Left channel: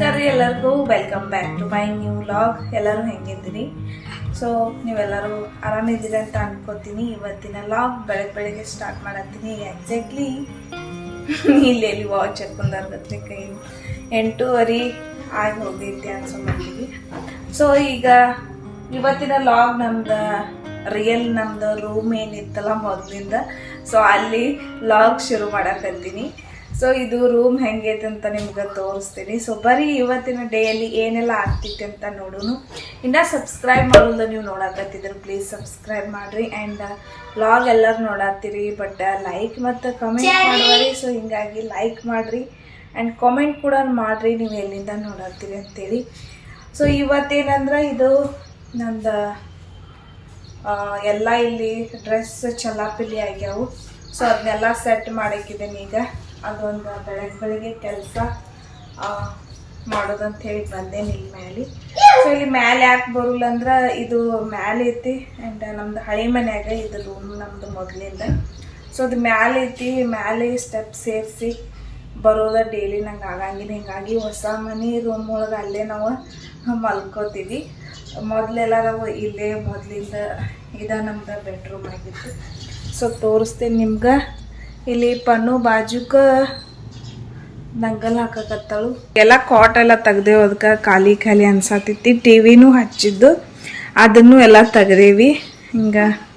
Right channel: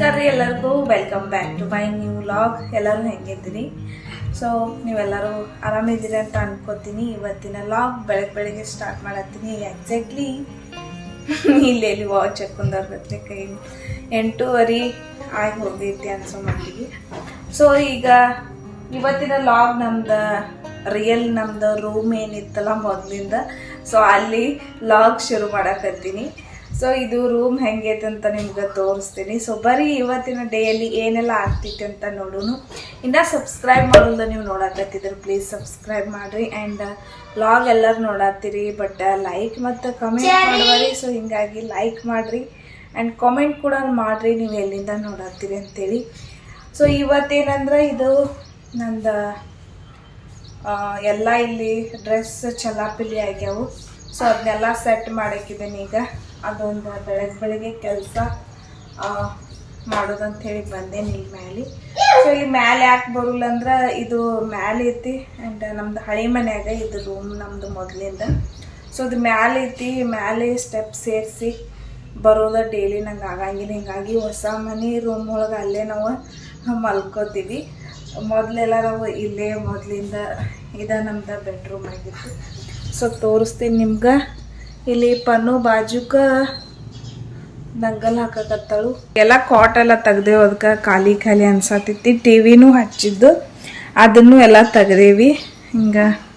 ನಮಸ್ಕಾರ ರೀ ಎಲ್ಲರಿಗೂ welcome back to my new vlog ಎಲ್ಲರೂ ಹೆಂಗಿದ್ದೀರಿ? ಸೊ ನೀವೆಲ್ಲರೂ ಆರಾಮಿದ್ದೀರಿ ಅಂತ ಅನ್ಕೋತೀನಿ. ಇವತ್ತಿನ ಲಾಗ್ ಬೆಳಗ್ಗೆ ಬೆಳಗ್ಗೆ ಸ್ಟಾರ್ಟ್ ಮಾಡತ್ತೀನಿ. ಎಕ್ಸಾಕ್ಟ್ಲಿ ಇಲ್ಲಿ ಎಲ್ಲಿ ವಾಚ್ ಹಾಕೊಂಡ್ರೆ ಕೈ? ಎಂಟೂವರೆ ಆಗಿ ಹೋಗೈತಿ ಅನ್ಸೋ ಮಟ್ಟಿಗೆ. ಸೊ ಈಗ ಇವತ್ತಿನ ಲಾಗ್ ನಮ್ದು ರಿಯಲ್ ನಮ್ದು ರೂಮ್ ಏನಿತ್ತಲ್ಲ ಮೊದಲಿಂದ. ಸೊ ಅಲ್ಲಿ ಲಾಗ್ ಶುರು ಮಾಡಕತ್ತೀನಿ ಸೊ ಇದು ರೂಮ್ ಹೆಂಗೈತೆ ಅಂತ ನಿಮ್ಗೆ ತೋರಿಸ್ತೀನಿ. ಸೊ ಬರೀ ಇವತ್ತಿನ ಡೇಯಲ್ಲಿ ಏನೆಲ್ಲ ಆಗ್ತೈತೆ ಅಂತ ನೋಡೋನು. ಇನ್ನು ಸಬ್ಸ್ಕ್ರೈಬ್ ಮಾಡೋದು ನೀವು ನೋಡಾಕತ್ತಿದ್ರೆ ಪ್ಲೀಸ್ ಸಬ್ಸ್ಕ್ರೈಬ್ ಮಾಡಿರಿ. ಆ್ಯಂಡ್ ಲಾಗ್ ಎಲ್ಲರೂ ನೋಡತ್ತೀರಿ. ಬಟ್ ಲೈಕ್ ಮತ್ತು ಕಮೆಂಟ್ ಮಾಡುವರಿ ಸೊ ಹಿಂಗಾಗಿ ಲೈಕ್ ಮಾಡಿರಿ. ಆ್ಯಂಡ್ ಕಾಮೆಂಟ್ ಕೂಡ ಮಾಡಿರಿ. ನೀವು ಎಲ್ಲಿಂದ ನೋಡತ್ತೀರಿ ಅಂತೇಳಿ. ಸೊ ಇವತ್ತೇನಂದ್ರೆ ಇದು ನಂದು ಎಲ್ಲ ಇಲ್ಲಿ ಡ್ರೆಸ್ ಚಲಾಪಿಲಿ ಆಗ್ಯಾವು. ಸೊ ಅದನ್ನೆಲ್ಲ ಸೆಟ್ ಮಾಡಕ್ಕಿದ್ದೀನಿ ಈಗ. ಅದೊಂದು ಬೆಳಗ್ಗೆ ಬೆಳಗ್ಗೆ ಕೆಲಸ ಮಾಡೋದಂತ ಹೇಳಿ ಬಂದೇನಿ ಇಲ್ಲಿ ಮ್ಯಾಲೆ. ಸೊ ಇಲ್ಲಿ ಮ್ಯಾಲೆ ಯಾಕೆ ಬರಲ್ಲ ಅಂದ್ರೆ ಇದು ಮ್ಯಾಲೆ ಐತಿ ಆ್ಯಂಡ್ ನಮ್ದು ಹಳೆ ಮನ್ಯಾಗ ಇದು ರೂಮ್ ನಮ್ಮದು ಮೊದಲಿಂದ. ಸೊ ಅದು ಮ್ಯಾಲೆ ಐತಿ, ಮ್ಯಾಲೆ ಸ್ಟೆಪ್ ಸೇರಿಸಿ ಬರೋದ ಡೈಲಿ ನಂಗೆ ಆಗಂಗಿಲ್ಲ. ಹಿಂಗಾಗಿ ಹೊಸ ಮನೆ ರೂಮ್ ಒಳಗೆ ಅಲ್ಲೇ ನಾವು ಮಲ್ಕೋತೀವಿ. ಮೊದಲೆಲ್ಲ ನಾವು ಇಲ್ಲೇ ಮೊದಲಿಂದ ಇದ ನಮ್ದು ಬೆಡ್ರೂಮ್ ಆಗಿತ್ತು. ಸೊ ತೋರಿಸ್ತೀನಿ ನಿಮ್ಗೆ. ಇಲ್ಲಿ ಪನ್ನು ಬಾಜುಕ ನಂಗಲ್ ಹಾಕಕತ್ತಳು. ಎಲ್ಲ ಕಾಟ್ ಎಲ್ಲ ತೆಗ್ದೇವು ಅದಕ್ಕೆ ಖಾಲಿ ಖಾಲಿ ಅನ್ಸತ್ತೈತಿ. ಟಿ ವಿನೂ ಹಚ್ಚಿದ್ದು. ಅದನ್ನು ಎಲ್ಲ ತೆಗ್ದೇವಿ. ಹಿಂಗೆ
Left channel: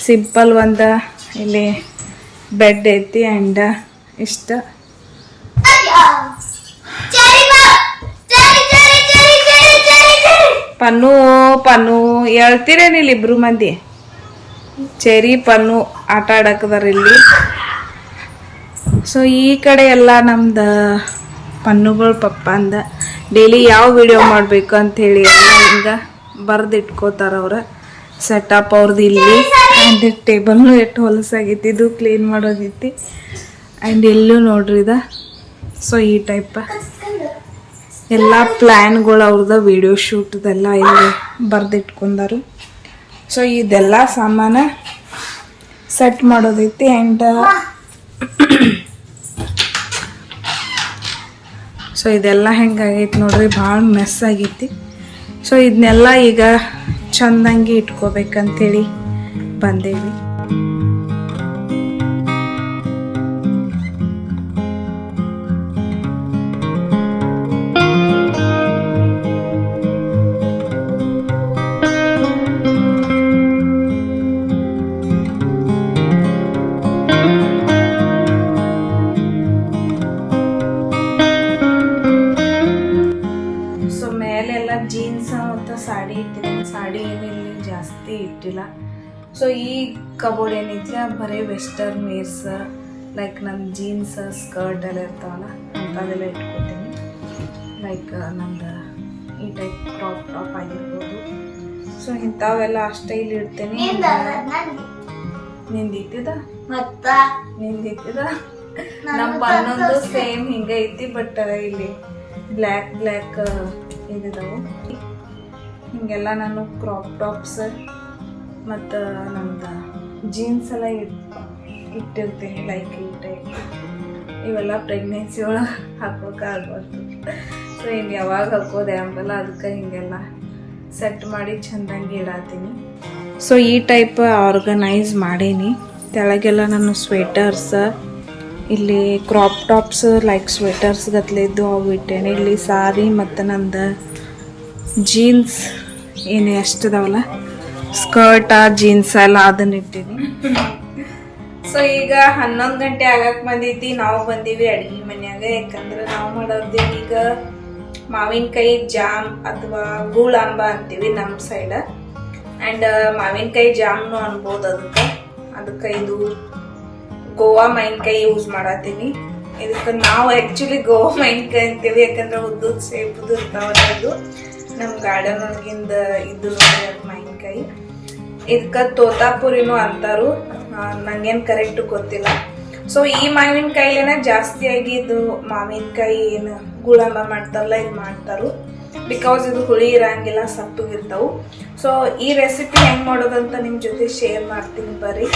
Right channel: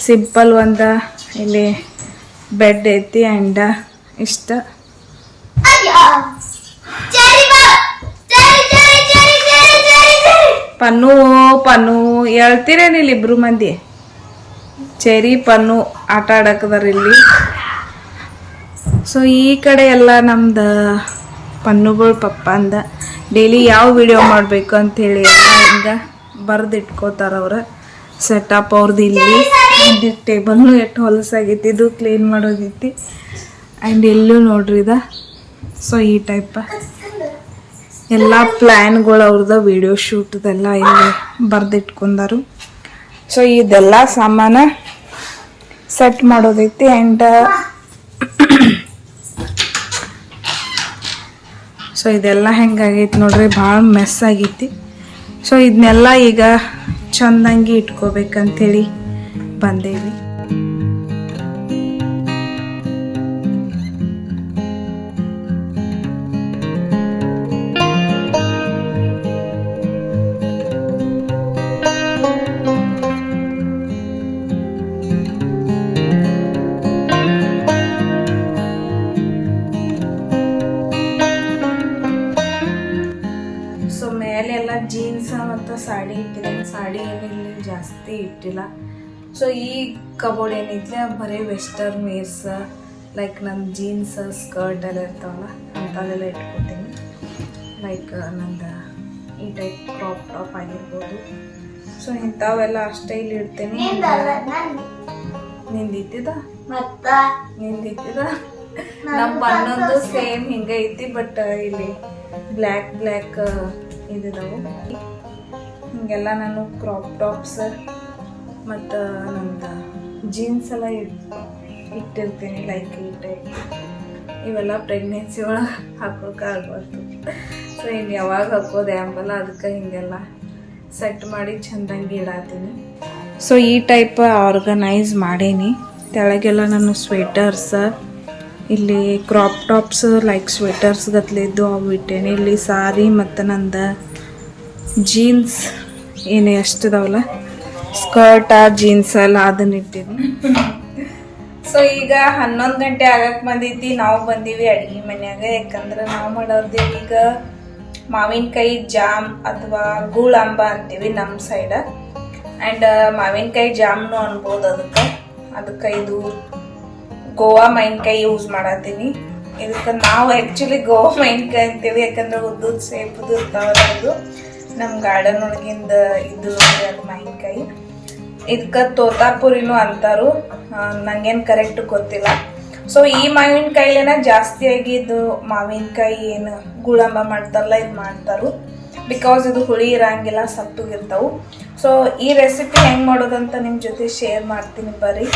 ಸಿಂಪಲ್ ಒಂದು ಇಲ್ಲಿ ಬೆಡ್ ಐತಿ ಆ್ಯಂಡ್ ಇಷ್ಟ. ಪನ್ನು ಪನ್ನು. ಹೇಳ್ತೀರೇನಿಲ್ಲ ಇಬ್ರು ಮಂದಿ? ಚೆರಿ, ಪನ್ನು. ಆಟ ಆಡಕದಾರ ಇಲ್ಲಿ. ಸೊ ಈ ಕಡೆ ಎಲ್ಲ ನಮ್ದು ಪನ್ನುಗಳು ಪಪ್ಪ ಅಂದ ಡೈಲಿ ಯಾವ ವಿಡಿಯೋ ಮಾಡಬೇಕು ಅಂಥೇಳಿ ಎಲ್ಲ ಹಿಂಗೆ ಬರೆದು ಇಟ್ಕೋತಾರೆ ಅವ್ರ. ಸೆಟಪ್ ಅವ್ರದ್ದು ಇಲ್ಲಿ. ಆ್ಯಂಡ್ ಟೇಬಲ್ನು ಎಷ್ಟು ಹೊಲಸಾಗೈತಿ, ಇದು ಕ್ಲೀನ್ ಮಾಡೋದೈತಿ. ಆ್ಯಂಡ್ ಎಲ್ಲೂ ನೋಡ್ರಿ ಇದ. ಸೊ ಈ ಟೈಪ ಎಲ್ಲ ಪ್ಲ್ಯಾನ್ಗಳು ಅವ್ರದ್ದು ವಿಡಿಯೋ ಶೂಟ್ದೆಲ್ಲ ಇಲ್ಲಿ ಬರೆದಿಟ್ಕೊಂಡಾರು. ಸೊ ಇದೆಲ್ಲ ಸಾಮಾನ ಸೆಟ್ ಮಾಡೋದೈತಿ. ಆ್ಯಂಡ್ ಸೊ ಇದೆಲ್ಲ ಹೆಂಗಾಗೈತಿ ನೋಡ್ರಿ ಭಾಳ ಮೆಸ್ ಆಗೈತಿ. ಸೊ ಇದನ್ನೆಲ್ಲ ಈಗ ಚಂದಂಗಿ ಇಟ್ಕೋಬೇಕಂತೇಳಿ ಬಂದೇವಿ. ಸೊ ಈ ಕಬೋರ್ಡ್ ಏನಿದೆ ಬರೀ ವೆಸ್ಟರ್ನ್ ವೇರ್ಸ್ ಲೈಕ್ ನಮ್ಮ ಜೀನ್ಸ್ ಸ್ಕರ್ಟ್ ಎಲ್ಲ ಇರ್ತಾವಲ್ಲ ಅಂಥದ್ದೆಲ್ಲ ಇಟ್ಕೊತೀನಿ. ಲೈಕ್ ನಂದು ಈ ಟೈಪ್ ಕ್ರಾಪ್ ಟಾಪ್ ಆಗಿರ್ಬೋದು. ಸೊ ಇಂಥವೆಲ್ಲ ಅಷ್ಟೇ ಇಲ್ಲಿ ಇಡ್ತೀನಿ. ನಿಂದಿದ್ದ ನಿಂದಿತ್ತಿದ ನಮ್ಮ ಹನ್ನೊಂದು ಸೇಮ್ ಹಿಂಗೆ ಐತಿ ಬಟ್ ಇಲ್ಲಿ ಬ್ಲ್ಯಾಕ್ ಬ್ಲ್ಯಾಕ್ ಇದಿದಾವು. ಹಿಂಗೆಲ್ಲ ನಾನು ಕ್ರಾಪ್ ಟಾಪ್ಸ್ ಮತ್ತು ನಮ್ದು ಜೀನ್ಸ್ ಎಲ್ಲ ಇಟ್, ಇಟ್ಟಿರ್ತೀನಿ ಲೈಕ್ ಇಟ್ಟೆ. ಇವೆಲ್ಲ ಪ್ರೆಗ್ನೆನ್ಸಿ ಒಳಗೆ ಹಾಕೋಕ್ಕಾಗ್ಬಾರ್ದು ಸೊ ಇನ್ನು ಯಾವಾಗ ಹಾಕೋದೆ ಅಂಬಲ್ಲ ಅದಕ್ಕೆ ಹಿಂಗೆಲ್ಲ ಸೆಟ್ ಮಾಡಿ ಚೆಂದಂಗೆ ಇಡಾತೀನಿ. ಸೊ ಈ ಟೈಪ್ ಆರ್ಗನೈಸ್ ಮಾಡೀನಿ. ತೆಳಗೆಲ್ಲ ನಾನು ಸ್ವೆಟರ್ಸ್ ಇಲ್ಲಿ ಕ್ರಾಪ್ ಟಾಪ್ಸ್ ಲೈಕ್ ಸ್ವೆಟರ್ಸ್ ಗತ್ಲಿದ್ದು ಅವು ಇಟ್ಟೇನೆ. ಇಲ್ಲಿ ಸಾರಿ ಮತ್ತು ನಂದು ಜೀನ್ಸ್ ಏನು ಎಷ್ಟಿದಾವಲ್ಲ ಸ್ಕರ್ಟ, ಜೀನ್ಸ್ ಎಲ್ಲ ಅದನ್ನ ಇಟ್ಟೀನಿ ಸೊ ಈಗ ಹನ್ನೊಂದು ಗಂಟೆ ಆಗಕ್ ಬಂದೈತಿ. ನಾವು ಬಂದೀವಿ ಅಡ್ಗೆ ಮನ್ಯಾಗ. ಯಾಕಂದ್ರೆ ನಾವು ಮಾಡೋದು ಈಗ ಮಾವಿನಕಾಯಿ ಜಾಮ್ ಅಥವಾ ಗೂಳಂಬ ಅಂತೀವಿ ನಮ್ಮ ಸೈಡ ಆ್ಯಂಡ್ ಮಾವಿನಕಾಯಿ ಜಾಮ್ನು ಅನ್ಬೋದು ಅದಕ್ಕೆ. ಅದಕ್ಕೆ ಇದು ಗೋವಾ ಮಾವಿನಕಾಯಿ ಯೂಸ್ ಮಾಡತ್ತೀನಿ. ಇದಕ್ಕೆ ನಾವು ಆ್ಯಕ್ಚುಲಿ ಗೋವಾ ಮಾವಿನಕಾಯಿ ಅಂತೀವಿ. ಯಾಕಂದ್ರೆ ಉದ್ದು ಸೇಪುದು ಇರ್ತಾವಲ್ಲ ಅದು. ನಮ್ಮ ಗಾರ್ಡನ್ ಒಳಗಿಂದ ಇದು ಮಾವಿನಕಾಯಿ. ಇದಕ್ಕೆ ತೋತಾಪುರಿನೂ ಅಂತಾರು. ನಂಗೇನು ಕರೆಕ್ಟ್ ಗೊತ್ತಿಲ್ಲ. ಸೊ ಈ ಮಾವಿನಕಾಯಿಲೇನ ಜಾಸ್ತಿಯಾಗಿ ಇದು ಮಾವಿನಕಾಯಿ ಏನು ಗುಳಂಬ ಮಾಡ್ತಾರಲ್ಲ, ಇದು ಮಾಡ್ತಾರು. ಬಿಕಾಸ್ ಇದು ಹುಳಿ ಇರಂಗಿಲ್ಲ ಸಪ್ಪಗಿರ್ತಾವು ಸೊ ಈ ರೆಸಿಪಿ ಹೆಂಗ್ ಮಾಡೋದಂತ ನಿಮ್ಮ ಜೊತೆ ಶೇರ್ ಮಾಡ್ತೀನಿ ಬರ್ರಿ.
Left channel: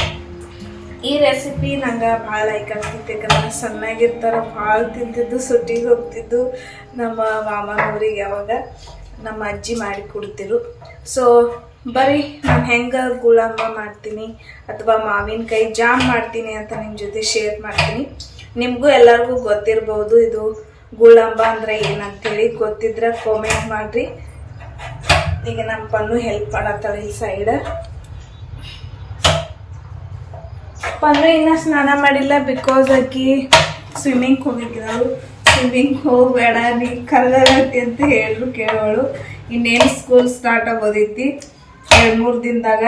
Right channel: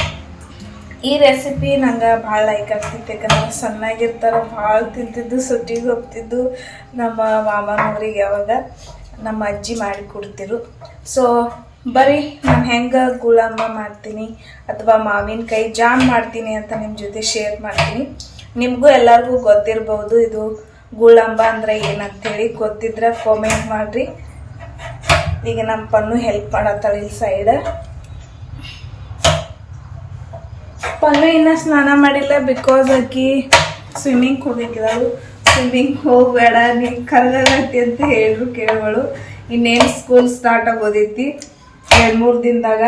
ಈ ರೆಸಿಪಿ ನಂಗೆ ಭಾಳ ಲೈಕ್ ಆಗ್ತಿತ್ತು. ಯಾಕಂದ್ರೆ ಸಣ್ಣಾಗಿರ್ತಾರೆ, ಭಾಳ ತಿಂತಿದ್ದು, ಸುಟ್ಟಿಗೆ ಹೋಗ್ತಿದ್ದು ನಮ್ಮ ಮಾಮನವ್ರಿಗೆ ಯಾವಾಗ. ನಮ್ಮ ಅಜ್ಜಿ ಮಾಡಿ ಕೊಡ್ತಿರು. ಸೊ ಬರೀ ನಾನು ಹೆಂಗೆ ಗುಳಂಬ ಮಾಡ್ತೀನಿ ಅಥವಾ ಮಾವಿನಕಾಯಿ ಜಾಮ್ ಮಾಡ್ತೀನಿ ಅಂತ ನಿಮ್ಮ ಜೊತೆ ಶೇರ್ ಮಾಡ್ತೀನಿ. ನಿಮಗೂ ಎಲ್ಲರಿಗೂ ಗೊತ್ತಿರ್ಬೋದು ಇದು ಗುಳಂಬ ಅಂದರೆ ಏನಂತೇಳಿ. ಗೊತ್ತಿದ್ರೆ ಕಾಮೆಂಟ್ ಮಾಡಿರಿ. ಈಗ ನಮ್ಮ ಪನ್ನು ಹೆಲ್ಪ್ ಮಾಡತ್ತಾಳೆ ಈ ಸೈಡ್ ಪನ್ನು ಇನ್ನೂ ಸ್ನಾನ ಮಾಡಿಲ್ಲ ಬಿಕಾಸ್ ಆಕಿ ಸ್ವಿಮ್ಮಿಂಗ್ ಹೋಗಿದ್ದಾಳು ಸ್ವಿಮ್ಮಿಂಗ್ ಹೋಗಬೇಡ ನೀ ಕರ್ಗಾಗತ್ತಿ ಅಂತ ಹೇಳಿದ್ರು ಕೇಳೋಳು. ಇನ್ನೇನು ಸ್ಕೂಲ್ ಸ್ಟಾರ್ಟ್ ಆಗೋದೈತಿ? ಎರಡು ಮೂರು ದಿನದಾಗ.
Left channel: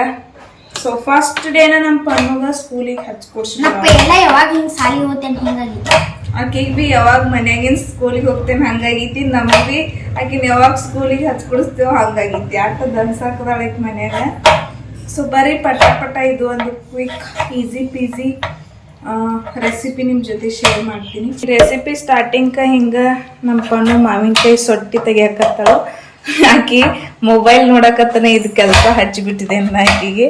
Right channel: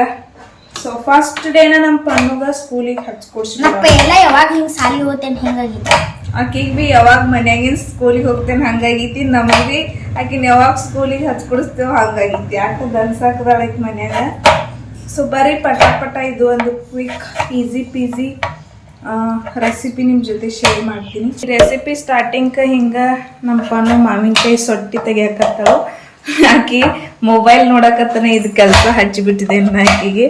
ಸೊ ಫಸ್ಟ್ ಡೇನ ನಮ್ಮ ಪನ್ನುಗ ಸ್ಕೂಲಿಗೆ ಹಚ್ಕೊಡ್ಸಿ ಮತ್ತ ಎಲ್ಲ ಯಾವಾಗ ನೀವು ಸಾಲಿ ಹೋಗ್ತೇನೆ ಹಿಂಗಾಗಿತ್ತು? ಆಕಿಗೆ ಬಿ ಯಾವಾಗ ಮನ್ಯಾಗಿನ ಸ್ಕೂಲಿಗೆ ಹೋಗ್ತೇನೆ ಹಂಗಾಗೈತಿ ನಮಗೆ ಬಿ ಆಕಿನ ಯಾವಾಗ ಸ್ಕೂಲಿಗೆ ಹಚ್ಕೊಡಿಸ್ತೇವೆ ಹಂಗಾಗೈತಿ. ಆಟ ದನ್ಸಾಕದಾಳೈತಿ ಮನ್ಯಾಗ. ಸೊ ಬರೀ ಪಟ ಪಟ ಇದು ಒಂದು ಕ್ವಿಕ್ ಈಸಿ ಪೀಸಿ ರೆಸಿಪಿ ನಿಮ್ಮ ಜೊತೆ ಶೇರ್ ಮಾಡ್ತೀನಿ. ರೆಸಿಪಿ ಸ್ಟಾರ್ಟಿಂಗ್ ಹಿಂಗೆ ನಮ್ಮ ಪಣ್ಣು ಮಾವಿನಕಾಯಿ ಸೊಟ್ಟಿ ತೆಗಿಯಕತ್ತಾಳು. ಆಕಿ ಮೊಬೈಲ್ ನೋಡಕತ್ತನೆ ಇದು ಕೆಲಸ ಹಚ್ಚಿಬಿಟ್ಟಿದೆ ಆಕಿಗೆ.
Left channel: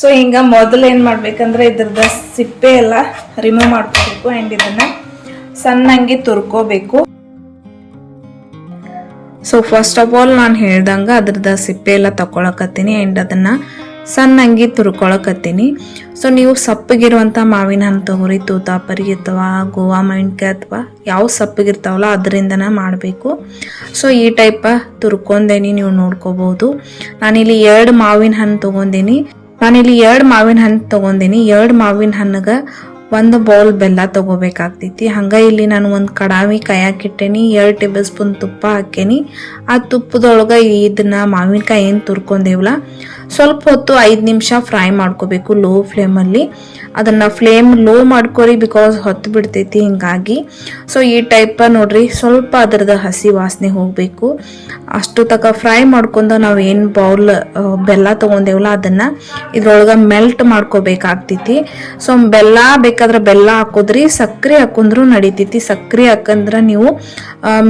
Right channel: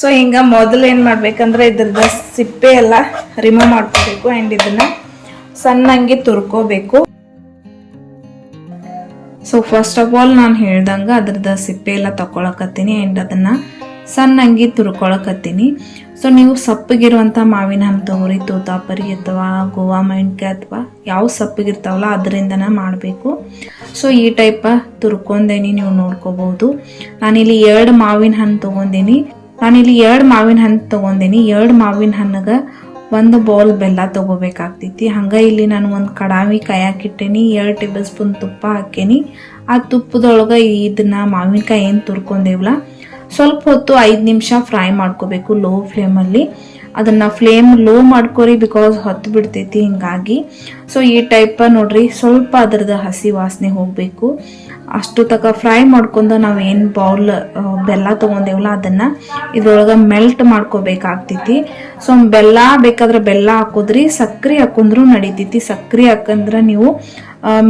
ಸೊ ಹಿಂಗ ಮೊದಲು ಏನು ಮಾಡ್ಬೇಕಂದ್ರೆ ಇದ್ರದ ಸಿಪ್ಪೆ ಎಲ್ಲ ರಿಮೂವ್ ಮಾಡ್ಕೋಬೇಕು ಆ್ಯಂಡ್ ಇದನ್ನು ಸಣ್ಣಂಗೆ ತುರ್ಕೋಬೇಕು. ಸೊ ಫಸ್ಟ್ ಆಫ್ ಆಲ್ ನಾನು ಹೇಳ್ದಂಗೆ ಅದ್ರದ್ದು ಸಿಪ್ಪೆ ಎಲ್ಲ ತಗೊಳಕತ್ತೀನಿ ಆ್ಯಂಡ್ ಅದನ್ನು ಸಣ್ಣಂಗೆ ತುರ್ಕೊಳಕತ್ತೀನಿ. ಸೊ ನೀವು ಸಪ್ಪಗಿರುವಂಥ ಮಾವಿನ ಹಣ್ಣು ತೊಗೊರಿ ತೂತಾಪರಿ ಅಥವಾ ಗೋವಾ ಮಾವಿನಕಾಯಿ ಅಥವಾ ಯಾವ ಸಪ್ಪಗಿರ್ತಾವಲ್ಲ ಅದರಿಂದನೇ ಮಾಡಬೇಕು. ಸೊ ಈ ಟೈಪ ತುರ್ಕೊಂಡೇನಿ, ನೀವು ನೋಡ್ಕೋಬಹುದು ನಾನಿಲ್ಲಿ ಎರಡು ಮಾವಿನ ಹಣ್ಣು ತೊಗೊಂಡೇನಿ. ನಾನಿಲ್ಲಿ ಎರಡು ಮಾವಿನ ಹಣ್ಣು ತೊಗೊಂಡೇನಿ. ಎರಡು ಮಾವಿನ ಹಣ್ಣಿಗೆ ಒಂದು ಬೌಲ್ ಬೆಲ್ಲ ತಗೋಬೇಕಾಗ್ತೈತಿ. ಹಂಗೆ ಇಲ್ಲಿ ನಾನು ಒಂದು ಕಡಾವಿ ಕಾಯಾಕಿಟ್ಟೇನಿ, ಎರಡು ಟೇಬಲ್ ಸ್ಪೂನ್ ತುಪ್ಪ ಹಾಕೇನಿ. ಆ ತುಪ್ಪದೊಳಗೆ ಇದನ್ನ ಮಾವಿನಕಾಯಿ ಏನು ತುರ್ಕೊಂಡೇವಲ್ಲ ಸ್ವಲ್ಪ ಹೊತ್ತು ಐದು ನಿಮಿಷ ಫ್ರೈ ಮಾಡ್ಕೋಬೇಕು ಲೋ ಫ್ಲೇಮಲ್ಲಿ. ಅದನ್ನ ಫ್ಲೇಮ್ ಲೋ ಮಾಡ್ಕೋರಿ ಬಿಕಾಸ್ ಹೊತ್ತು ಬಿಡ್ತೈತಿ ಹಿಂಗಾಗಿ. ಸೊ ಈ ಟೈಪ ನೋಡ್ರಿ ಸ್ವಲ್ಪ ಅದರದ ಹಸಿ ವಾಸನೆ ಹೋಗಬೇಕು. ಅಷ್ಟು ತಕ ಫ್ರೈ ಮಾಡ್ಕೊಂಡು ನಾವು ಏನು ಬೌಲ್ ಬೆಲ್ಲ ತೊಗೊಂಡೇವಲ್ಲ ಅದನ್ನ, ಇದ್ರೊಳಗೆ ಮೆಲ್ಟ್ ಮಾಡ್ಕೋಬೇಕಾಗ್ತೈತಿ. ಸೊ ಬೆಲ್ಲ ಬೇಕಾದ್ರೆ ಬೆಲ್ಲ ಹಾಕೋದ್ರಿ ಸಕ್ಕರೆ ಹಾಕೊಂಡ್ರು ನಡಿತೈತಿ. ಸಕ್ಕರೆ ಹಾಕಂದ್ರೆ ನೀವು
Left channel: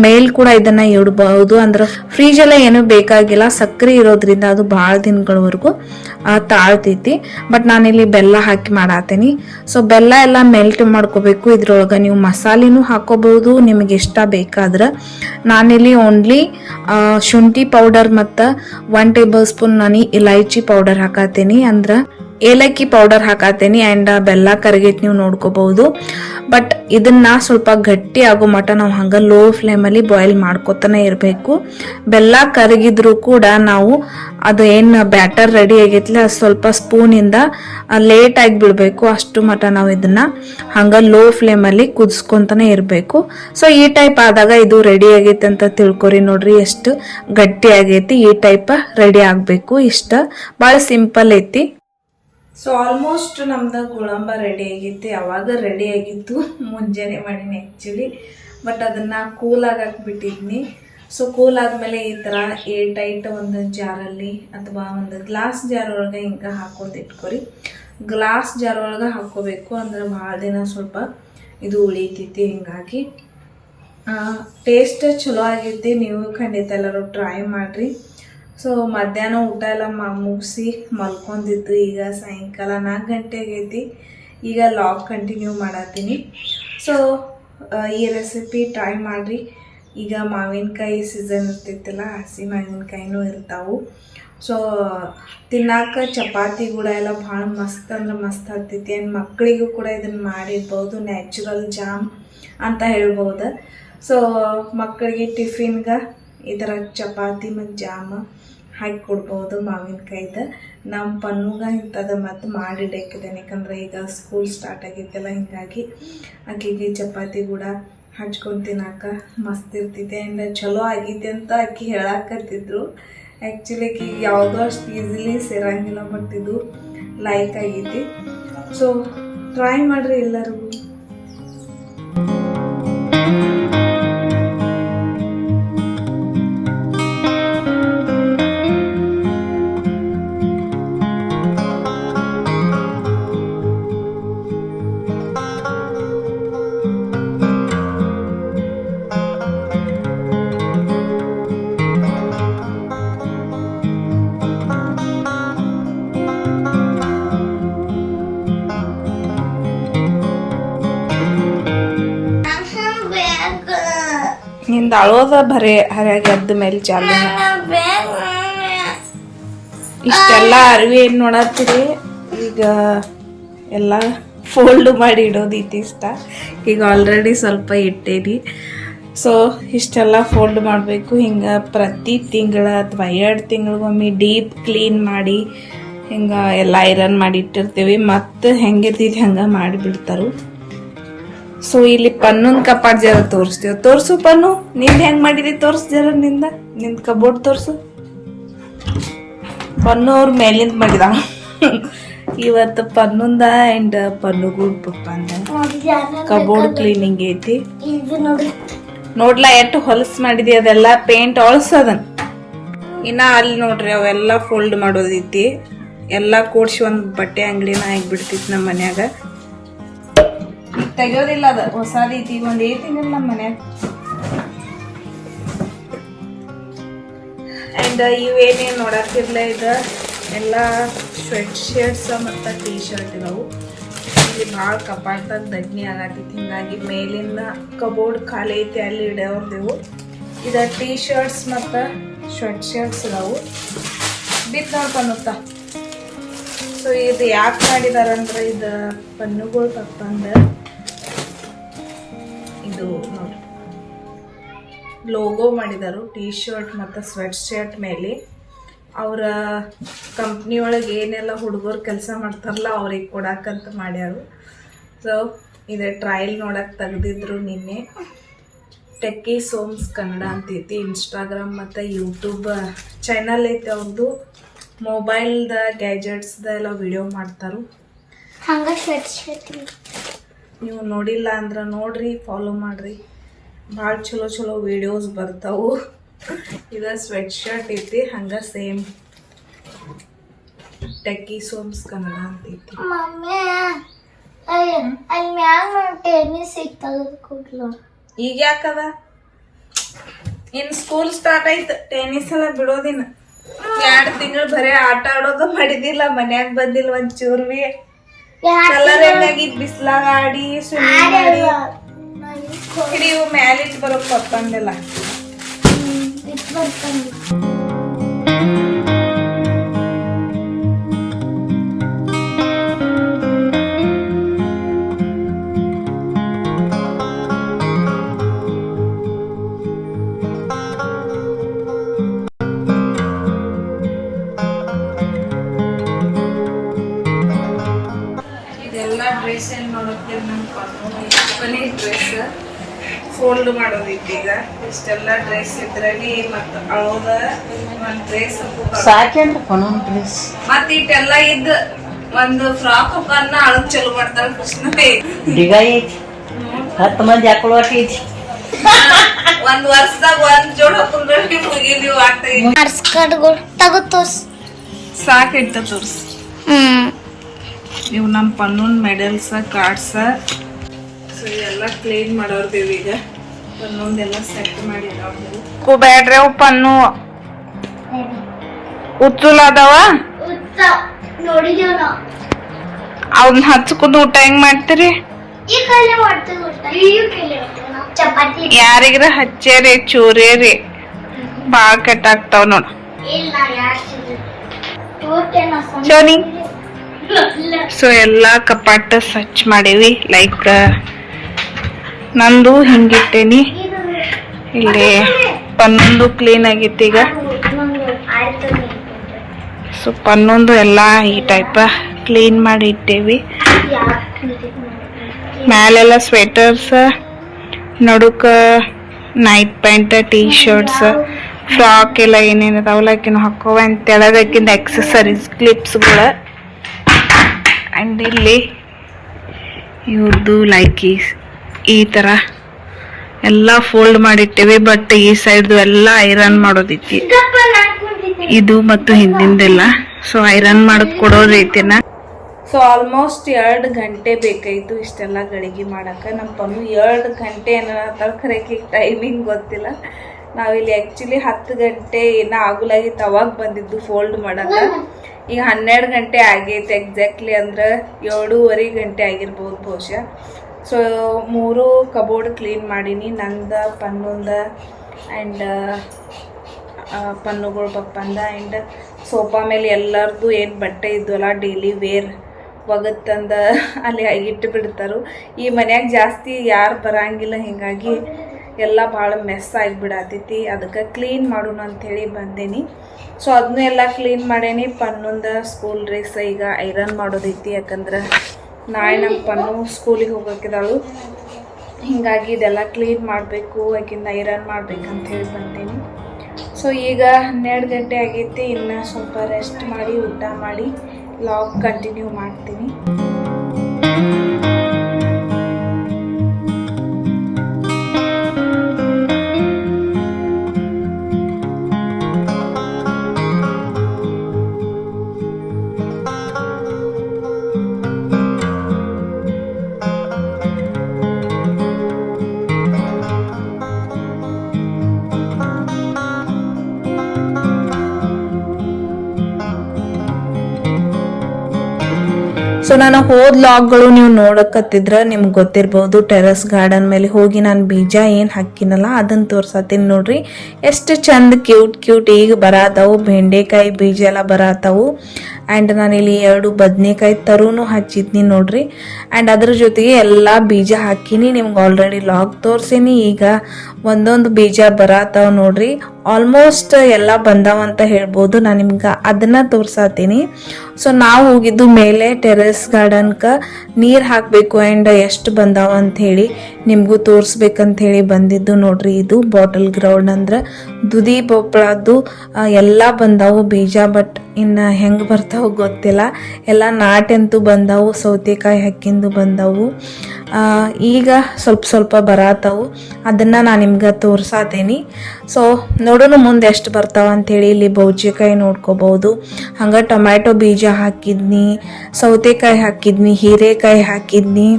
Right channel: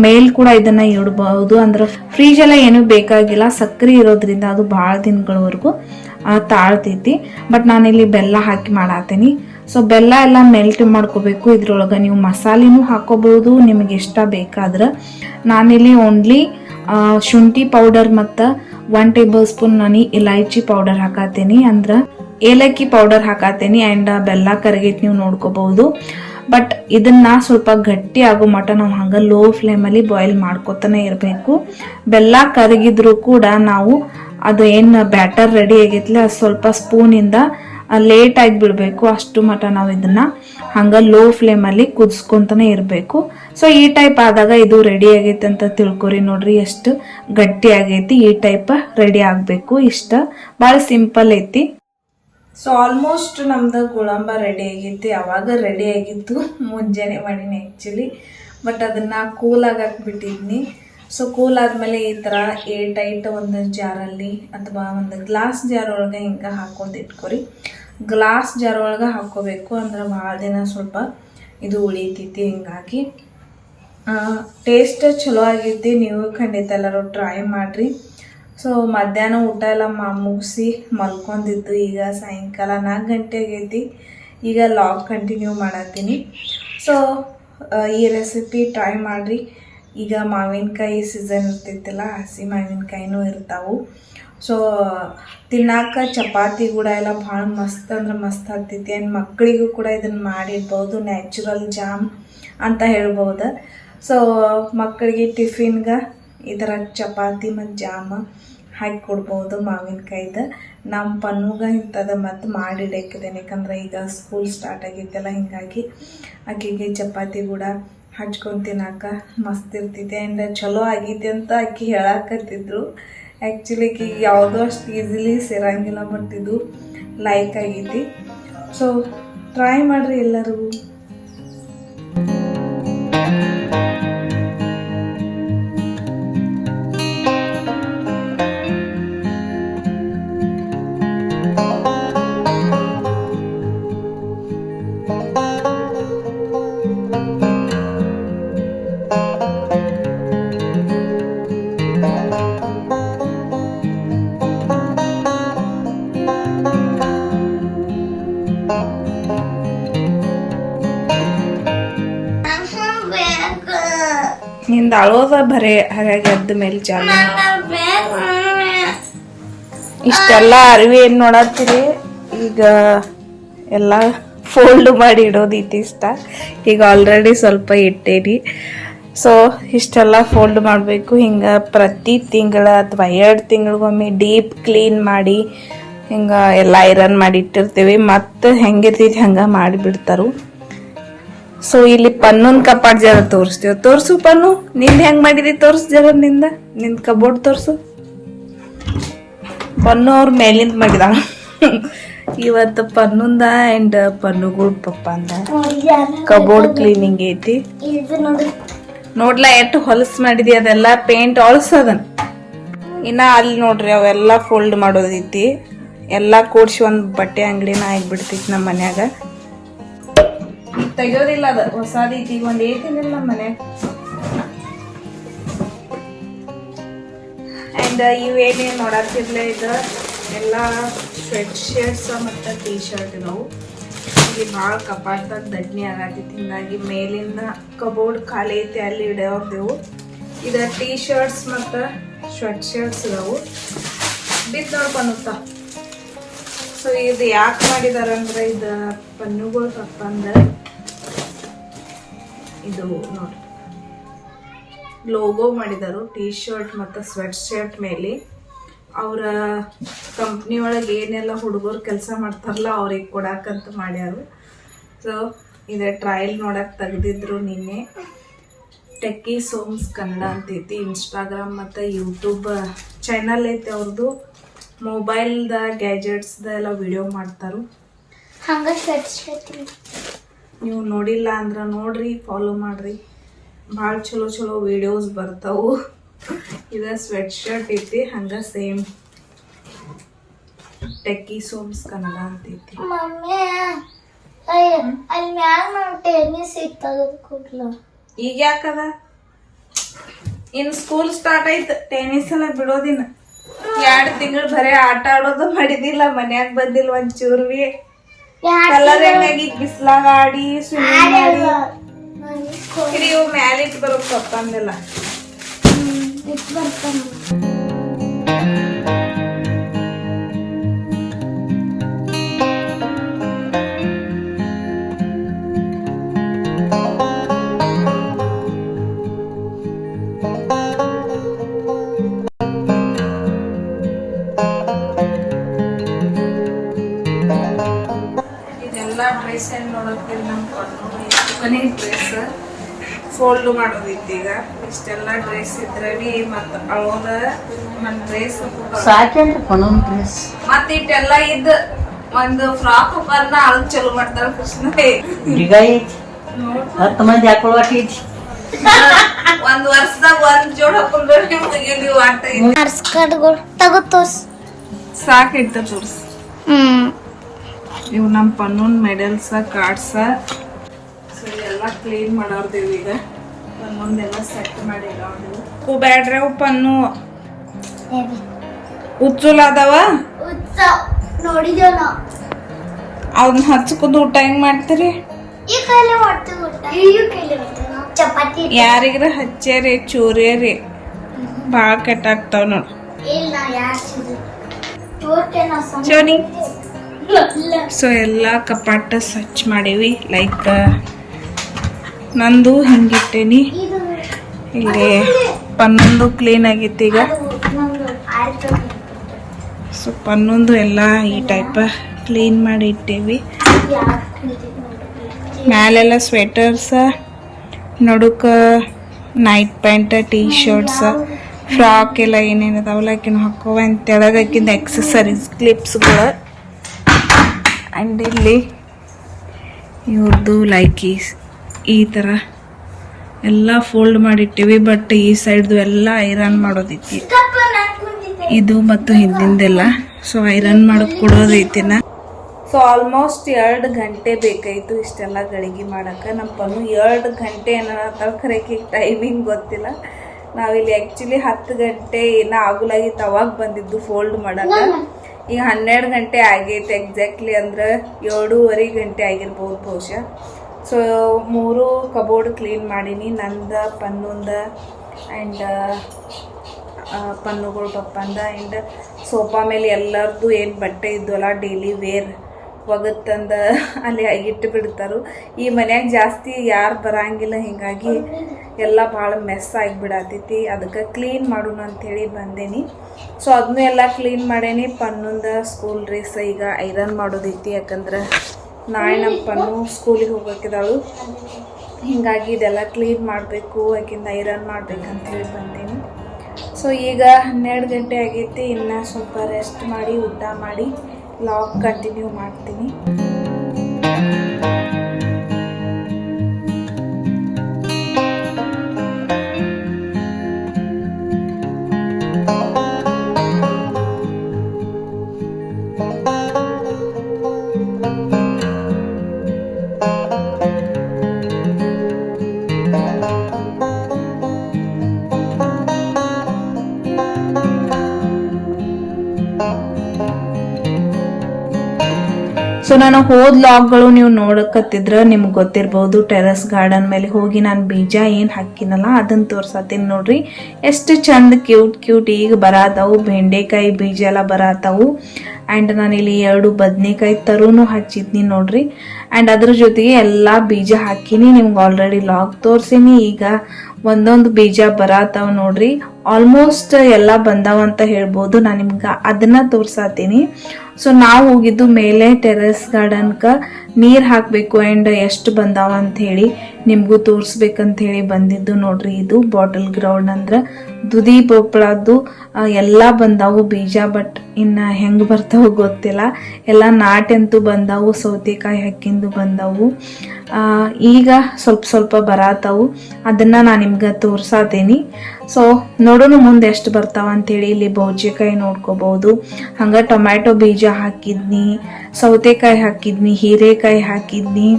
ಮೇಲ್ ಕೂಡ ಇದನ್ನ ಇಡಬಹುದು. ಅಂದ್ರೆ ಫ್ರೀಜ್ ಎಲ್ಲ ಏನು ಬೇಕಾಗಿಲ್ಲ ಸಕ್ಕರೆ ಇರೋದ್ರಿಂದ ಅದು ಭಾಳ ದಿನಗಳವರೆಗೂ ತಾಳ್ತೈತಿ. ಬಟ್ ನಾನಿಲ್ಲಿ ಬೆಲ್ಲ ಹಾಕಿ ಮಾಡಾತೀನಿ. ಸೊ ಬೆಲ್ಲ ಎಲ್ಲ ಮೆಲ್ಟ್ ಮಾಡ್ಕೋಬೇಕು. ಇದ್ರೊಳಗೆ ನೀವು ಮಸಾಲೆನೂ ಹಾಕೋಬಹುದು, ನಿಮಗೆ ಇಷ್ಟ ಬೇಕಾದ್ರೆ. ನಾನಿಲ್ಲಿ ಓನ್ಲಿ ಶುಂಠಿ ಪೌಡರ್ ಮತ್ತು ಒನ್ ಟೇಬಲ್ ಸ್ಪೂನ್ ನಾನು ಇಲೈಚಿ ಪೌಡರ್ ಹಾಕತ್ತೀನಿ ಅಂದ್ರೆ ಏಲಕ್ಕಿ ಪೌಡರ್ ಹಾಕತ್ತೀನಿ ಆ್ಯಂಡ್ ಬೆಲ್ಲ ಕರಗೈತಿ ನೀವು ನೋಡ್ಕೋಬಹುದು. ಬಟ್ ಇದನ್ನ ಸ್ವಲ್ಪ ಗಟ್ಟಿ ಆಗೋ ಮಟ ನಾವು ಹಂಗ ಲೋ ಫ್ಲೇಮಲ್ಲಿ ಬಾಯ್ಲ್ ಮಾಡ್ಕೋತಾನೆ ಇರಬೇಕು. ಬೆಲ್ಲ ಕರಗಿದ್ರು ಕೂಡ ನಾವು ಅದು ಏನು ಬ್ಯಾಟರ್ ರೆಡಿ ಆಗೈತ್ಲ, ಸ್ವಲ್ಪ ಸ್ವಲ್ಪ ಸ್ಪೂನಿಂದ ಲೇಟ್ ಆಗಿ ಬಿಡಬೇಕು, ಅಷ್ಟು ಮಟ ನಾವು ಇದನ್ನ ಹಂಗ ಲೋ ಫ್ಲೇಮಲ್ಲಿ ಕುದಿಸ್ಕೊಂತಾನೆ ಇರಬೇಕು. ಸೊ ಈ ಟೈಪ್ ಆದಾಗ ಇದು ರೆಡಿ ಆಗೈತೆ ಅಂತ ತಿಳ್ಕೊರಿ ನೋಡ್ರಿ, ಎಷ್ಟು ಗಟ್ಟಿ ಆಗೈತಿ ಈ ಟೈಪ್ ರೆಡಿ ಆಗಬೇಕು, ಇಷ್ಟ. ಭಾಳ ಸಿಂಪಲ್ ಐತಿ. ಸೊ ಆಲ್ಮೋಸ್ಟ್ ನಮ್ದು ಗುಳಂಬ ರೆಡಿ ಆಗೈತಿ ಅವಾಗ ರೆಡಿ ಆಗಿತ್ತು, ಮುಂಜಾನೆ ಮಾಡಿನಿ ಆ್ಯಕ್ಚುಲಿ ಬಟ್ ಅದನ್ನು ಕೂಲ್ ಹಾಕ್ಬಿಟ್ಟಿದ್ನಿ. ಬಿಟ್ಟಿದ್ನಿ ಸೊ ಕೂಲ್ ಆದಮೇಲೆ ಈ ಥರ ಏ ಟೈಟ್ ಒಂದು ಜಾರಲ್ಲಿ ಅಥವಾ ಒಂದು ಗ್ಲಾಸ್ ಜಾರ್ ಒಳಗೆ ಹಿಂಗೆ ಹಾಕೊಂಡು ಇಟ್ಕೊರಿ. ಗ್ಲಾಸ್ ಜಾರ್ ಒಳಗೆ ಹಾಕ್ಕೋಬೇಕು ಅಂದ್ರೆ ಭಾಳ ದಿನ ಸ್ವಲ್ಪ ಇದು ಉಳಿತೈತಿ ಹಿಂಗಾಗಿ. ಟೇಸ್ಟ್ ಚಲೋ ಆಗೈತಿ, ನೀವು ಖಂಡಿತ ಎಲ್ಲರೂ ಟ್ರೈ ಮಾಡಿರಿ. ಸೊ ಮಧ್ಯಾಹ್ನ ಊಟ ಎಲ್ಲ ಮಾ, ಮುಗಿಸಿ ಮಲ್ಕೊಂಡಿದ್ದು ಈಗ ಸಾಯಂಕಾಲ ನಾಲ್ಕು ಗಂಟೆ ಆಗೈತಿ. ಈಗ ಲಾಗ್ ಕಂಟಿನ್ಯೂ ಮಾಡತ್ತೀನಿ. ಸೊ ಈ ರೆಸಿಪಿ ಟ್ರೈ ಮಾಡಿರಿ. ಈಗ ಮಾವಿನಕಾಯಿ ಸೀಸನ್ ಇರ್ತೈತಲ್ಲ ಹಸಿ ಮಾವಿನಕಾಯಿನೂ ಇರ್ತಾವು. ಸೊ ತಿನ್ನಾಕ ಚಪಾತಿ ಕೂಡ ಎಲ್ಲ ಭಾಳ ಮಸ್ತ್ ಅಂದ್ರೆ ಮಸ್ತ್ ಆಗ್ತೈತಿ. ಆ್ಯಂಡ್ ಮಕ್ಕಳಿಗೂ ಕೂಡ ಇದನ್ನು ಮಾಡಿರ್ಬೋದು ನ್ಯಾಚುರಲ್ ಜಾಮ್ ಅಂತ ಹೇಳ್ಬೋದು. ಸೊ ಮಕ್ಕಳಿಗೆ ಟಿಫಿನ್ಗೆ ಈ ಥರ ಚಪಾತಿ ಮತ್ತು ಜಾಮ ಹಾಕಿ ಕೊಡ್ಬೋದು ಮಾವಿನಕಾಯಿದ. ನಮ್ಮ ಪನ್ನುಗ ಇಂಥದ್ದು ಮತ್ತು ಮಾಡಿಡಕ್ಕಿದ್ದೇನೆ ಯಾಕಂದ್ರೆ ಈಗ ಸ್ಕೂಲ್ ಸ್ಟಾರ್ಟ್ ಆಗಿತ್ತಲ್ಲ, ಹೀಗಾಗಿ ಆಕೆಗೆ ಚಪಾತಿ ಕೂಡ ಹಚ್ಕೊಂಡು ತಿನ್ನಾಕ ಮಸ್ತ್ ಇರ್ತೈತೆ ಆ್ಯಂಡ್ ಚಲೋ ಆಗಿದೆ ಅಂತ ಆಕೆ ಹೇಳಾಕತ್ತಿದ್ರು. ಆ್ಯಕ್ಚುಲಿ ಆಕೆ ಯಾವುದೋ ಅಷ್ಟು ಈಸಿಲಿ ಸೇರಂಗಿಲ್ಲ ಬಟ್ ಇದು ಲೈಕ್ ಆಗೈತಿ. ಸೊ ಟ್ರೈ ಮಾಡಿರಿ ಎಲ್ಲರೂ. ನಿಂದ ಅಳೋದ ಬರೇ, ಹರಿಯಾಗಿ ಅದ್ದ ಮೇಲೆ ಚಾಲು ಇಷ್ಟೆಲ್ಲ ಅರಿವಿ ಏನ್ ನೋಡತ್ತೀರಿ? ಈಗ ಎಲ್ಲ ಫೋಲ್ಡ್ ಮಾಡಿ ಇಡೋದು ಇಷ್ಟ ಈಗ ಆಲ್ರೆಡಿ ಸ್ವಲ್ಪ ಇಟ್ಟೇರಿ ಸೊ ಇಷ್ಟೆಲ್ಲ ಫೋಲ್ಡ್ ಮಾಡಬೇಕು. ಹಿಂಗೆ ಪ್ರತಿ ತಿಂಗಳ ಅಥವಾ ಎರಡು ತಿಂಗಳಿಗೊಮ್ಮೆ ಡೀಪ್ ಕ್ಲೀನ್ ಮಾಡಿ ಹಿಂಗೆ ಎಲ್ಲ ಐರನ್ ಮಾಡಿ ಇಟ್ಟಿರ್ತೀವಿ. ಮತ್ತು ಹೆಂಗಿರ್ತೈತಿ ಹಂಗೆ ಮಾಡಿಬಿಡ್ತಾರು ಸೊ ಇಲ್ಲಿ ಪನ್ನೂನ್ ಕಪಾಟ್ ಜರ ತೋರಿಸ್ತೀವಿ ತೋರ್ಸು ಪನ್ನು. ನಿಂದ ಹೆಂಗ್ ಮಾಡಿದಿ ತೋರ್ಸ್ ಜರ ನಿಂದ ನಿಂದ ಕಬೋರ್ಡ್ ತೋರ್ಸು. ಪನ್ನು ಅವ್ರ ಮೇಲಿಂದ ಮಾಡಿದ ಇವತ್ತು ಪನ್ನುಂದ ಅಂಡ್ ಪನ್ನುಗಳು ಪಪ್ಪ ಅಂದ. ಕಬೋರ್ಡ್ ಕ್ಲೀನಿಂಗ್ ಐತಿ. ನೋಡ್ಲಾ, ಎಷ್ಟು ಹೊಲಸ್ ಮಾಡಿದಿ ಅದೆಲ್ಲ ಪೇಂಟ್ ಅದನ್. ಇನ್ನ ಅಲ್ಲಿ ನೋಡ್ರಿ, ಅವೆಲ್ಲ ಫೋಲ್ಡ್ ಮಾಡೋದೈತಿ. ಎಲ್ಲಾ ಕೂಡ್ಸಿ ಒಂದ್ ಬಟ್ಟೆ ಅಂಗಡಿನ ಆಗಿಬಿಡ್ತೈತಿ ನಮ್ಮ ಮನ್ಯಾಗ. ತೆಗಿಯೋದಿಲ್ಲ ಅದ. ಹೊಸ ಈಗ ಒಂದು ಏತಿನಿಲ್ಲ ನಮ್ಮ ಮನ್ಯಾಗ ಅಂಡ್ ಇವೇನೇನು ನೋಡತ್ತಿರ್ಲ ಇದು ಎಲ್ಲ ಸ್ವೆಟ್ ಶರ್ಟ್ಸ್ ಮತ್ತು ಟೀ ಶರ್ಟ್ ಇದಾವು. ಇಲ್ಲಿ ಭಾಳ ಕಪಾಟ್ದಾಗ ದಡ್ನಿ ಆಗತ್ತೈತಿ ಹಿಂಗಾಗಿ ಮೇಲಿಂದ ಕಬೋರ್ಡ್ ಖಾಲಿ ಐತಿ, ಅಲ್ಲಿ ಇಡೋದೇವು. ಇದ ಟೀ ಶರ್ಟ್ಸ್ ಮತ್ತು ಸ್ವೆಟ್ ಶರ್ಟ್ಸ್ ಇದಾವು. ಬಿದ್ದು ನೋಡ್ಕೊಂಡುತ್ತ ಸೊ ಇದು ಯಾಕೆ ಮಾಡಿದಾರ ಅಂದ್ರೆ ಇದು ಪನ್ನುಗಳು ತಪ್ಪಂದ ಇದು ನೋಡಿ. ಲೋಗೋ ಮಾಡಿದರು ಟೀ ಶರ್ಟ್ ಮತ್ತು ಸ್ವೆಟ್ ಶರ್ಟ್ ಮೇಲೆ. ಅವರ ಕಂಪ್ನಿ ಒಳಗೆ ಏನೆಲ್ಲ ಹುಡುಗರು ಕೆಲಸ ಮಾಡ್ತಾರಲ್ಲ ಅವ್ರಿಗೆ ಕೊಡಾಕಂತ ಮಾಡ್ಯಾರು. ಸೊ ಇದೆ ಟ್ರಯಲ್ ನೋಡಕ್ಕೆ ತೆಗೆದಿದ್ರು ನಿನ್ನೆ. ಟೆಕ್ಕಿ ಸೋಮ್ಸ್ ಕನ್ನಡ ಅಂತೈತಿ ಇನ್ಸ್ಟಾಗ್ರಾಮ್ ಮತ್ತು ಯೂಟ್ಯೂಬ್ ಚಾನಲ್ ಐತೆ ಅವ್ರದ್ದು ಮೊಬೈಲ್ದ ಗ್ಯಾಜೆಟ್ಸ್ದ ಎಲ್ಲ ವಿಡಿಯೋ ಮಾಡ್ತಾರೆ. ಹಂಗ ಸ್ವೆಟ್ ಶರ್ಟ್ ನೀವು ನೋಡಿಲ್ಲ ಅಂದ್ರೆ ನೋಡ್ರಿ ಫಾಲೋ ಮಾಡ್ರಿ. ಭಾಳ ಚಲೋ ಚಲೋ ವಿಡಿಯೋಸ್ ಬರ್ತಾವು. ಇದ ಸ್ವೆಟ್ ಶರ್ಟ್ ಐತಿ ಹಂಗ ಸೇಮ್ ಟೆಕ್ಕಿ ಸೋಮ್ಸ್ ಕನ್ನಡ ಅಂತೈತಿ. ಅಲ್ಲಿ ಮ್ಯಾಗ ಟೆನ್ನಿಸ್ ಈಗ ಯಾಕದ? ಇನ್ ಸ್ಕೂಲ್ ಸ್ಟಾರ್ಟ್ ಆಯ್ತು ಟೆನಿಸ್ ಎಲ್ಲ ಬಿಡೋದಿನ. ಎರಡು ತಿಂಗಳು ಬರೇ ಆಟ ಆಡೋದು ಮಾಡಿದಿಲ್ಲ ಮನ್ಯಾಗ ಬಂದಿಲ್ಲ ಒಂದ್ ಚೂರ್ವಿ. ಕಲರ್ ಏನಾಗಿದ್ ಬಿಸ್ಲಾಗ ಆಡಿ ಸ್ವಿಮ್ಮಿಂಗ್ ಮಾಡಿ ಇಲ್ಲಿ ಇವು ಮ್ಯಾಲಿಟ್ ಬರೋ ಪಪ್ಪಂದೆಲ್ಲ ಡ್ರೆಸ್ ಏನ್ ಮನೆ ಡ್ರೆಸ್ ಫೋಲ್ಡ್ ಮಾಡೋದಿತ್ತೀಗ ಈಗ ಇಷ್ಟೆಲ್ಲ ಡ್ರೆಸ್ ಇದ್ರಲ್ಲಿ ಮತ್ತೆ ಅಳೋದ ಒಂದು ಡ್ರೆಸ್ ಸಾಕೇನ್ರಿ ಒಂದೊಂದು ಡ್ರೆಸ್ ಮತ್ತ ಇಟ್ಟೆಲ್ಲ ಇದ್ದ ಒಂದ್ ಫ್ರಾಕ್ ಬನ್ನ ಅಳದ್ ಚಲೋ ಮಾಡ್ತಾಳ ಕೃಷ್ಣ. ಹುಡುಗ ಐತಿ ಹತ್ತು ಮಂದಿ ಹಾಕೊಳ್ಬೇಕು ಐತಿ ಒಂದ್ ವರ್ಷದಾಗ ಒಂದ್ ಜೋಡ್ ಹಾಕೊಂಡ್ರೆ ಮುಗಿದೀವಿ ತೋರ್ಸ್. ಸಾಕಿಡ್ತ ತೋರ್ಸ್. ಹ್ಮ್. ಇವು ನಮ್ಮ ಪನ್ನೂನ್ ಮೆಡಲ್ಸ ಕಾರ್ಡ್ಸ. ಸೊ ಇದೆಲ್ಲ ಕ್ಲೀನ್ ಮಾಡೋರ್ದೇವು ಈಗ. ಪನ್ನೊಂದೆಲ್ಲ ಸೆಟ್ ಮಾಡಿ ಬೇಡ್ರಿ ಕೂಬೇಡ್ರಿ ಅವು ಪನ್ನು. ಉಚ್ಚುಲ ಅದಾವ? ಉತ್ಸವ ನೋಡಿದೇವ್ ನಾವು ಅವ್ನ ಹಚ್ಕೊಂಡು ಊಟ ಹೆಂಗ್ ಮಾಡ್ತೀರಿ? ಯಾರಿಗ್ರ ಹಚ್ಚೇರಿ ಚೂರೇರಿ ಭಾಳ ಕೆಟ್ಟಾಗ್ತಾವ ನೋಡಿ. ಚೋನಿ ಸೊ ಎಲ್ಲ ಕಪಾಟ ಸ್ವಚ್ಛ ಮಾಡೀವಿ. ಲೈಕ್ ನಂದು ಹಿಂಗಿಟ್ಟೇನಿ. ಇಲ್ಲಿ ಪನ್ನೊಂದು ಕ್ಲೀನ್ ಆಗಿತ್ತು ಈಗ. ಸೊ ಪನ್ನೊಂದು ಎಲ್ಲ ಈ ಟೈಪ ಕ್ಲೀನ್ ಮಾಡಿ ಇಟ್ಟೇವಿ. ಮ್ಯಾಲೆಲ್ಲ ಸ್ವೆಟರ್ಸ್ ನಡುಕ night pant T shirts frock ಎಲ್ಲ ಏನೇನು ಅದಾವಲ್ಲ, ಆಕಿನ ಹಾಕೋವ. ಅಂತ ತೆಳಗಾಕಿಂದ ಎಕ್ಸಸರೀಸ್ ಕ್ಲಿಪ್ಸ್ಗಳು ಆ್ಯಂಡ್ ಇಲ್ಲಿ ಇವ್ರದ್ದು ಲೈಕ್ ಈ ಥರ ಎಲ್ಲ ಫೋಲ್ಡ್ ಮಾಡಿಟ್ಟೇವಿ ಬಟ್ ಈ ಸೈಡ್ದು ಎಲ್ಲ ಐರನ್ ಮಾಡೋದೈತಿ ಇದು ಮತ್ತು ಹಿಂದಿಂದೆಲ್ಲ. ಸೊ ಐರನ್ ಮಾಡಕ್ ಕೊಡೋದೈತಿನ ಸೊ ಆಲ್ಮೋಸ್ಟ್ ಎರಡು ಗಂಟೆ ಬೇಕಾಯಿತು ಇಷ್ಟೆಲ್ಲ ಗಳಿಗೆ ಮಾಡೋಕ್ಕೆ. ನಮ್ಮ ಪನ್ನು ಎರಡು ಗಂಟೆ ಏನಾರ ಖರೇಕಿ ಟೈಮಿಂಗ್ ಗೊತ್ತಿಲ್ಲ. ನಾವಿಲ್ಲಿ ಆ್ಯಕ್ಚುಲಿ ಹತ್ತು ಗಂಟೆ ಏನೋ ಆಗುಲಾಗಿತ್ತು, ಅವಾಗ ಬಂದಿದ್ದು ಫೋಲ್ಡ್ ಮಾಡಕ್ಕೆ. ಈಗ ಹನ್ನೆರಡು ಗಂಟೆ ಆಗೈತೆ ಎಕ್ಸಾಕ್ಟ್ಲಿ ಅಂದ್ರೆ ಏಳೂವರೆ ಗಂಟೆ ಆಗಿರ್ಬೋದು ಬಹುಶಃ. ಸೊ ಮೂರು ಕಬೋರ್ಡ್ ಕ್ಲೀನ್ ಮಾಡೀನಿ, ನಂದ, ಪನ್ನೊಂದ ಆ್ಯಂಡ್ ಪನ್ನುಗಳು ಪಪ್ಪಂದ ಆ್ಯಂಡ್ ಸೋಫಾ ಮೇಲೆ ಎಲ್ಲರದು ಏನು ಬಟ್ಟೆ ಇದ್ವಲ್ಲ ಡೈಲಿ ವೇರ್ ಒಗತ್ತಂದ ಅಲ್ಲಿ ಇಟ್ಟು ಬಿಡ್ತಾರೋ ಈ ಮನ್ಯಾಗ ಜಾಸ್ತಿ ಯಾರು ಬರಂಗಿಲ್ಲ, ಹೀಗಾಗಿ ಎಲ್ಲ ಭಾಳ ಮೆಸ್ ಆಗಿಬಿಡತೈತಿ. ಅದಕ್ಕೆ ಕ್ಲೀನ್ ಮಾಡೋಣ ಅಂಥೇಳಿ ಬಂದೇನಿ. ಸೊ ಅದನ್ನೂ ಎಲ್ಲ ಕ್ಲೀನ್ ಮಾಡೇನಿ. ಪನ್ನೊಂದ ಸ್ಕೂಲ್ ಡ್ರೆಸ್ ಈಗ ಐರನ್ ಮಾಡೋದೈತಿ. ಯಾಕಂದ್ರೆ ನಾಳೆ ನಮ್ಮ ಪನ್ನು ಸ್ಕೂಲಿಗೆ ಹೋಗೋಕಿದಾಳು ಹೀಗಾಗಿ ಇದೆಲ್ಲ ಕ್ಲೀನ್ ಮಾಡಬೇಕು ಯಾಕಿಂದ ಐರನ್ ಮಾಡ್ಬೇಕಂತ ಹೇಳಿ ಬಂದೀನಿ. ಸೊ ಈಗ ಹನ್ನೆರಡು ಗಂಟೆ ಆಗೈತಿ. ಇನ್ನು ಸ್ವಲ್ಪ ರೆಸ್ಟ್ ಮಾಡಿ, ಊಟ ಮಾಡಿ ಲಾಗ್ ಕಂಟಿನ್ಯೂ ಮಾಡ್ತೀನಿ. ಸೊ ನಾನು ಹೋದ್ ಲಾಗ್ಗಳು ನೀವು ನೋಡಕತ್ತಿದ್ರ ನಿಮ್ಗೆ ಗೊತ್ತಿರ್ಬೋದು ಟೆರಸ್ ಗಾರ್ಡನ್ ಮೇಲೆ ಹೋಗಿ ನಾನು ಬೀಜ ಏನು ಹಾಕಿನಲ್ಲ ಅದನ್ನ ತೋರ್ಸತ್ತೀನಿ ನೋಡ್ರಿ. ಎಷ್ಟು ಚಂದ ಕ್ಯೂಟ್ ಕ್ಯೂಟ್ ಈಗ ಬರತಾವು ಬೆಂಡೆಕಾಯಿ ಬೀಜ ಎಲ್ಲ ಬರತಾವು ಆ್ಯಂಡ್ ನಾನಿಲ್ಲಿ ಎರಡು ಬದನೆಕಾಯಿ ತರೂನು ಹಚ್ಚಿದ್ನಿ ನೋಡ್ರಿ. ಆ್ಯಂಡ್ ಅದ್ರ ಜೊತೆಗೆ ಎಲ್ಲ ಬೀಜ ಹಾಕಿನಿ, ನಿಮ್ಗೆ ಆಲ್ರೆಡಿ ಲಾಗ್ ತೋರಿಸಿನಿ. ಈಗ ಒಂದೊಂದು ಬೀಜ ಬರತಾವ ನೋಡ್ರಿ. ಆಲ್ಮೋಸ್ಟ್ ಎಲ್ಲ ಬಂದಾವ ಅಂತ ಹೇಳ್ಬೋದು. ನಾನು ನಿಮ್ಗೆ ಅದನ್ನ ತೋರ್ಸಾತೀನಿ. ಸೊ ನಾವು ಹೋಗಿದ್ದು ಮೇಲೆ ಟೆರೆಸ್ ಗಾರ್ಡನ್ಕ ನೀರ್ ಹಾಕ್ಬೇಕು ಅಂಡ್ ಎಷ್ಟು ಬಂದಾವ ಅಂತ ಹೇಳಿ ನಿಮ್ಗೂ ತೋರ್ಸ್ಬೇಕಂತ ಹೇಳಿ ಬಂದಿದ್ದು ನೋಡ್ರಿ. ಇದು ಬಾಟಲ್ ಗ್ರೌಂಡ್ ಅಂದ್ರೆ ದುದಿ ಬೊಪ್ಪಳದ್ದು ಎಲ್ಲ ಬಂದಾವು ಬೀಜ ಬಟ್ ಇನ್ನ ಹೆಂಗ್ ಬರ್ತಾವ ಗೊತ್ತಿಲ್ಲ. ಎಲ್ಲ ನಾಟಂತೂ ಬಂದಾವು, ಸೌತೆಕಾಯಿ ಹಕ್ಕಿಂದು ಬಂದಾವು. ಈಗ ಸ್ವಲ್ಪ ಸ್ವಲ್ಪ ಬರಾತಾವು ಅದನ್ನ ನಾನು ನಿಮ್ಗೆ ತೋರ್ಸಾತೀನಿ. ಸೊ ನೋಡೋಣ ಮುಂದೆ ಎಷ್ಟು ಬರ್ತಾವ ಅಂತೇಳಿ ಇಲ್ಲಿ ಬೌಜಿಕಾಯಿ ನೋಡ್ಕೋಬಹುದು ಹಂಗೆ ಟೊಮ್ಯಾಟೊ ಬೀಜ ಹಾಕಿದ್ನಿ, ಸೌತೆಕಾಯಿ ಹಾಕಿದ್ನಿ, ಹೀರೆಕಾಯಿ ಹಾಕಿದ್ನಿ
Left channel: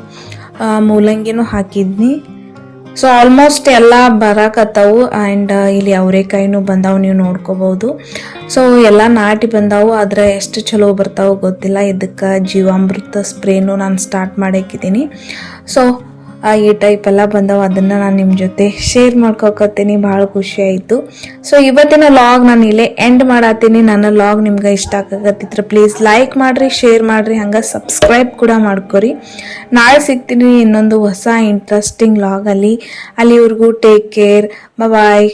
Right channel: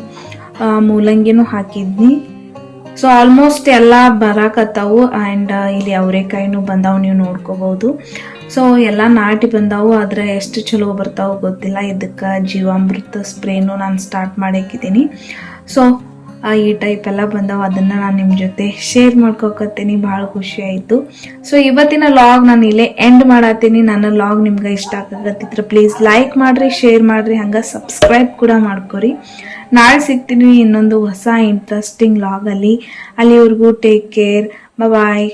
ಮೂಲಂಗಿನೂ ಹಾಕಿದ್ನಿ. ಸೊ ಆಲ್ಮೋಸ್ಟ್ ಎಲ್ಲ ಬರಾಕತ್ತಾವು ಆ್ಯಂಡ್ ಇಲ್ಲಿ ಅವರೆಕಾಯಿನೂ ಬಂದಾವು ನೀವು ನೋಡ್ಕೋಬಹುದು ಸೊ ಎಲ್ಲ ನಾಟಿ ಬಂದಾವು, ಆದ್ರೆ ಎಷ್ಟು ಚಲೋ ಬರ್ತಾವು ಗೊತ್ತಿಲ್ಲ. ಇದಕ್ಕೆ ಜೀವಾಮೃತ ಸ್ಪ್ರೇನು ನಾನು ಸ್ಟಾರ್ಟ್ ಮಾಡಾಕಿದ್ದೀನಿ. ಸೊ ಈ ಟೈಪ್ ಎಲ್ಲ ಬಂದಾವ, ಅದನ್ನ ನಾನು ನಿಮ್ಮ ಜೊತೆ ಶೇರ್ ಮಾಡ್ಕೊಕತ್ತೀನಿ, ಭಾಳ ಖುಷಿ ಆಯಿತು. ಸೊ ಇವತ್ತಿನ ಲಾಗ್ ನಾನು ಇಲ್ಲೇ ಎಂಡ್ ಮಾಡತ್ತೀನಿ ನನ್ನ ಲಾಗ್ ನಿಮ್ಗೆ ಇಷ್ಟ ಆಗತ್ತಿದ್ರೆ ಪ್ಲೀಸ್ ಲೈಕ್ ಮಾಡ್ರಿ ಶೇರ್ ಮಾಡ್ರಿ, ಹಂಗೆ ಸಬ್ಸ್ಕ್ರೈಬ್ ಕೂಡ ಮಾಡ್ಕೊರಿ. ನಾಳೆ ಸಿಗ್ತೀನಿ ಇನ್ನೊಂದು ಹೊಸ ಇಂಟ್ರೆಸ್ಟಿಂಗ್ ಅಲ್ಲಿ. ಅಲ್ಲಿವರೆಗೂ ಟೇಕ್ ಕೇರ್ ಬಾಯ್